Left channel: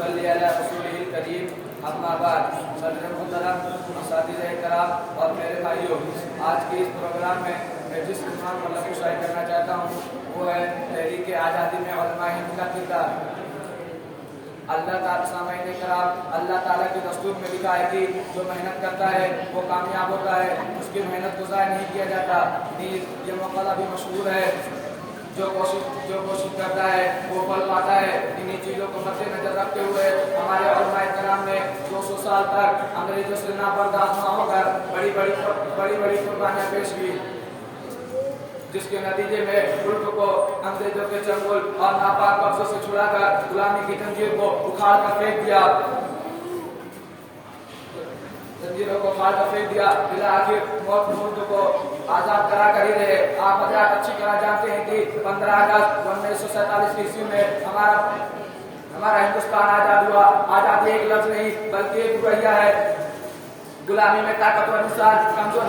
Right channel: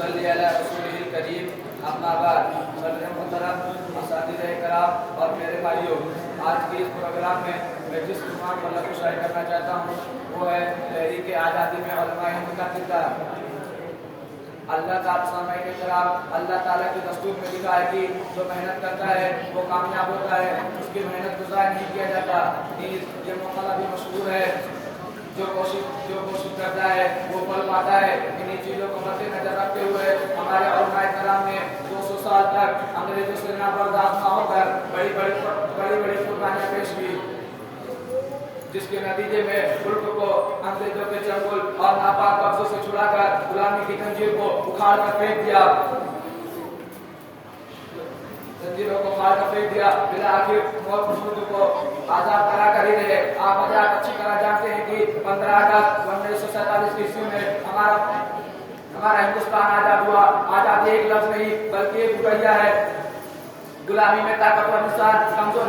नसल्ली अला रसूलिल करीम। अम्मा बाद, सदर मुहतरम, असातिज़े किराम और मेरे भाइयों, आज के इस प्रोग्राम में मैं जिस उन्वान पर लफ्ज़ शायद करना चाहता हूँ वो है तहरीक आज़ादी में उलमाए हिंद का किरदार। अल्लाह ताला के दस्तूर में लिखा है कि जो मेहनत करता है वो कामयाब होता है, उसकी मेहनत को ज़ाया नहीं किया जाता। ये मौक़ला भी मशहूर है, जो कोशिश करता है वो फल पाता है। इन्हीं चीज़ों को मद्देनजर रखते हुए हमारे उलमाए किराम ने 200 साल तक अंग्रेजों से नाबर्दाश्त न होकर बड़ी कुर्बानियाँ पेश की, जिसके नतीजे में मुल्क को अंग्रेजों के चंगुल और नापाक कब्जों से छुड़ाकर गुलामी की जंजीर को उखाड़ कर फेंक दिया, फिर आखिर मौत मुल्क को आजाद करा कर ही रहे। आप हजरात अच्छी तरह जानते हैं कि 15 अगस्त 1947 की ईस्वी में हमारा हिंदुस्तान आजाद हुआ। आजादी एक लफ्ज नहीं बल्कि एक रुपया है। गुलामी में ताकतवर इंसान कमजोर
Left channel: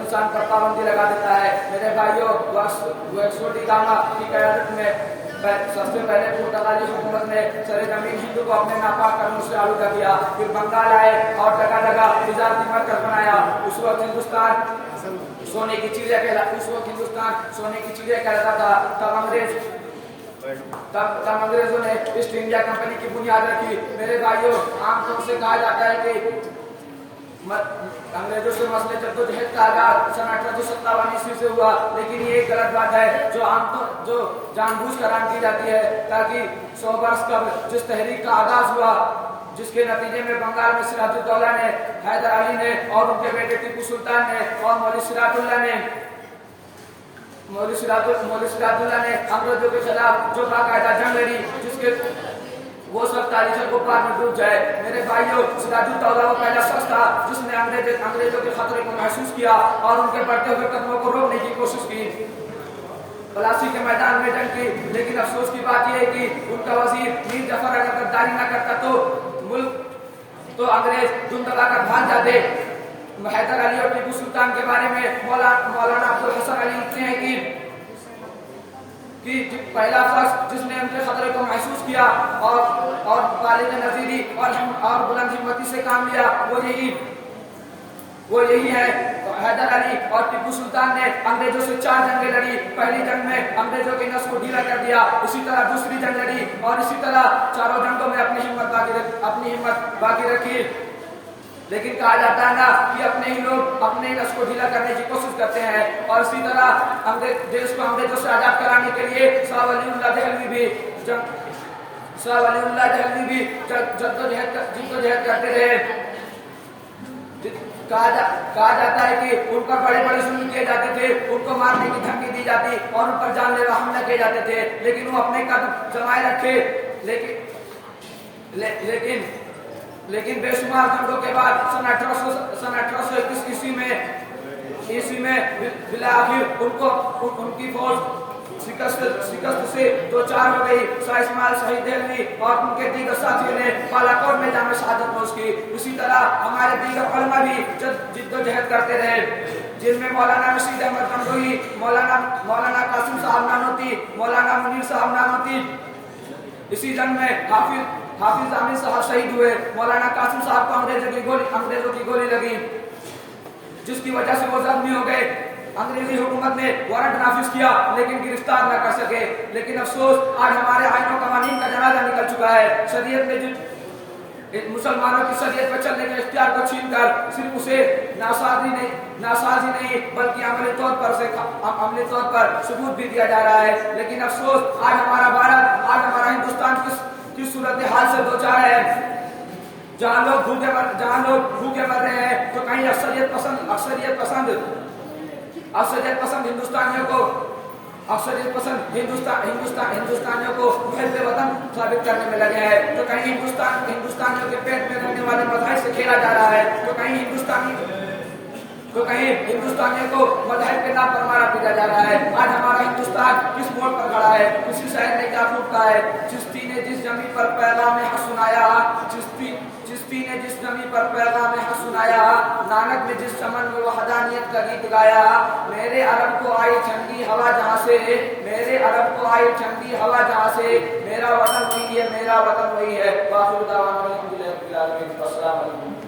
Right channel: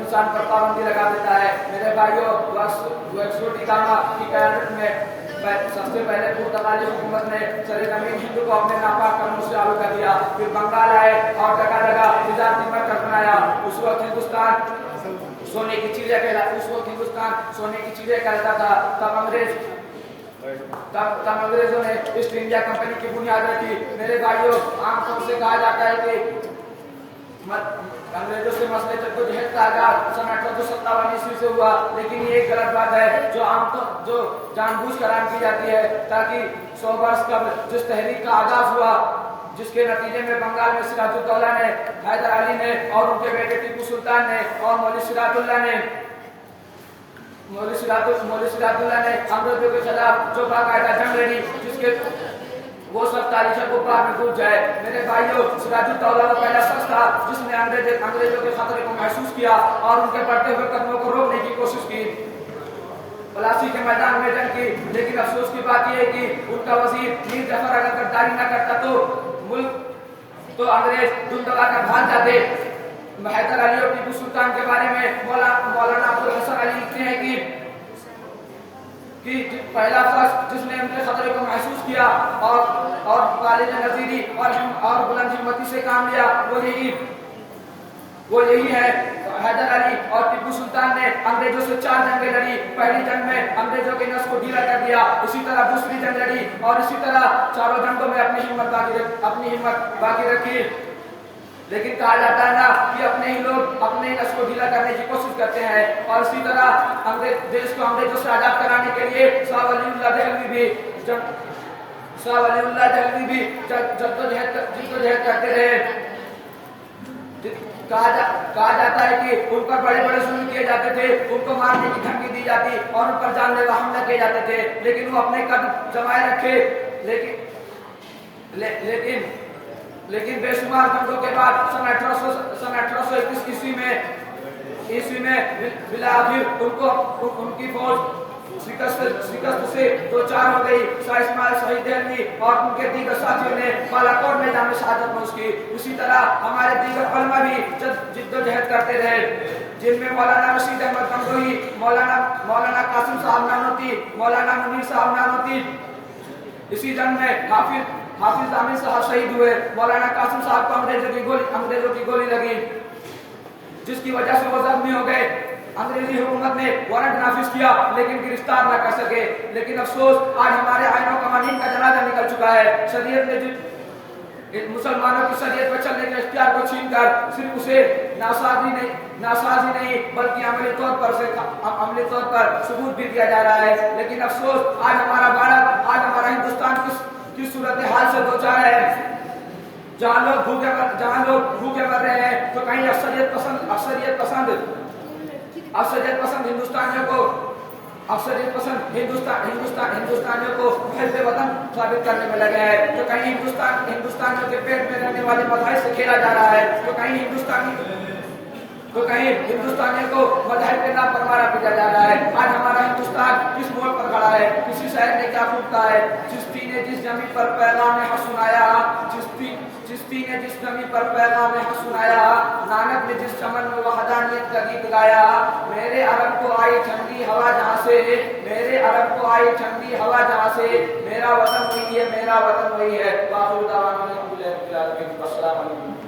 इंसान पर पाबंदी लगा देता है। मेरे भाइयों, वक्सोटी कामा की क़यादत में सबसे पहले पुर्तगाली हुकूमत ने सरजमीन हिंद को अपने नापाक कर्मों से आलू कर दिया। फिर बंगाल आए और जगह जगह तिजारती मरकज़ बनाया। उस वक्त हिंदुस्तान सोने की चिड़िया कहता था। तब अंग्रेजों ने ईस्ट इंडिया कंपनी की बुनियाद रखी। मेरे भाइयों, आमतौर से कहा जाता है कि अंग्रेजों से मसले जद्दोजहद का आगाज सन 1857 ईस्वी से हुआ, लेकिन ये एक गलत बात है जो जानबूझकर आम की जाती है, ताकि 100 वर्ष कबल जिस तहरीक का आगाज हुआ, जिसके नतीजे में बंगाल में सिराजुद्दौला ने, हैदर अली ने और उनके बेटे टीपू सुल्तान ने और मौलवी सिराजुद्दौला ने अंग्रेजों के खिलाफ जो बाकायदा जंग लड़ी, जिसके वो सब तारीखों को बाद में डूब जाए। मेरे भाइयों, सिराजुद्दौला वो पहला शख्स था जिसने अंग्रेजों के खतरे को महसूस किया और उनके बढ़ते हुए कदमों को रोकने की कोशिश की, पलासी के मैदान में जंग की। लेकिन अफसोस की बात यह है कि उनका वजीर मीर जफर अगर गद्दारी न करता तो अंग्रेज धुन दबाकर भाग जाते। हैदर अली और टीपू सुल्तान के बारे में मौलाना अब्दुल हसन अली लिखते हैं कि पहला शख्स जिसने उनके खतरे को महसूस किया और गालिब नजीरी और बुलंद हिम्मती से काम लिया, वो यही है। हैदर अली और टीपू सुल्तान ने अंग्रेजों से 4 जंगें लड़ी। पहली जंग में अंग्रेजों के नस को ढीला कर दिया, उसी तरह दूसरी जंग लड़ी और इसी तरह चारों जंगों में अपनी हिम्मत बाकी रखी। लेकिन कहा जाता है ना कि अपने ही लोग अपने ही नस को ढीला करने की कोशिश करते हैं। और इसी तरह देश को अंग्रेजों से आजाद कराने के लिए शाह वलीउल्लाह दहलवी भी जद्दोजहद करते रहे। कहा जाता है कि उन पर बड़े जुल्म किए जाते थे, उनको मारने की धमकी दी जाती और उन पर जानलेवा हमला किए जाते थे, लेकिन वो अपने कदम जमाए रखे। लेकिन बेशुमार जंगों के बाद सन 1821 ईस्वी में बिलाखिर उनकी फौज शिकस्त से 2-4 हो गई। शाह इस्माइल शहीद देहलवी और उनके दीगर साथियों ने बालाकोट में जामे शहादत नोश की। इसी तरह हमारे दीगर उलमा भी जिद्दोजहद करते रहे, जिनमें मौलाना रशीद अहमद गंगोही, मौलाना कासिम साहब नानोती, मौलाना मुनीर साहब नानोती। इसी जंग में हाफिज आमिर साहब शहीद हुए। मौलाना कासिम साहब को अंग्रेजों की गोली लगी, जिसकी वजह से वो जख्मी हो गए। अंग्रेजी हुकूमत ने वारंट नाफिज किया लेकिन गिरफ्तार न कर सके। लेकिन अफसोस, आज हमारे आइनों कवानीन का जनाजा निकल चुका है। शरीयत ने मुसलमानों की शरीयत पर चलने के इख्तियार को छीनकर सिर्फ उसे नासाजी नहीं बल्कि अमली तौर पर सबूत भी दिया जा रहा है। लेकिन अफसोस, आज हमारा भारत, आज हमारा हिंदुस्तान किस सूरत हाल से दो चार है, जहाँ लोग भूखे मर रहे हैं, तो कहीं अक्सरियत हिंदुस्तानियों को मुहब्बे वतन साबित करने में लगे हैं। तो कहीं हिंदुस्तानियों के पेट में रहने वाले मज़ाहिब से खेला जा रहा है, तो कहीं تو کہیں ہندوستانیوں کو مذہب کے نام پر مارا پیٹا جا رہا ہے. آج ہمارا ہندوستان کس موڑ پر کھڑا ہے؟ کسی شہر میں کیا پھوٹتا ہے؟ چشتی نے جس زمین پر پیغام حق سنایا، چشتی نے جس زمین پر پیغام حق سنایا، نانک نے جس چمن میں وحدانیت کا گیت گایا. میرے عرب کو آئی ٹھنڈی ہوا جہاں سے، میرے عرب کو آئی ٹھنڈی ہوا جہاں سے، میرا وطن وہی ہے، میرا وطن وہی ہے. باخر دعوانا الحمدللہ رب العالمین. السلام علیکم.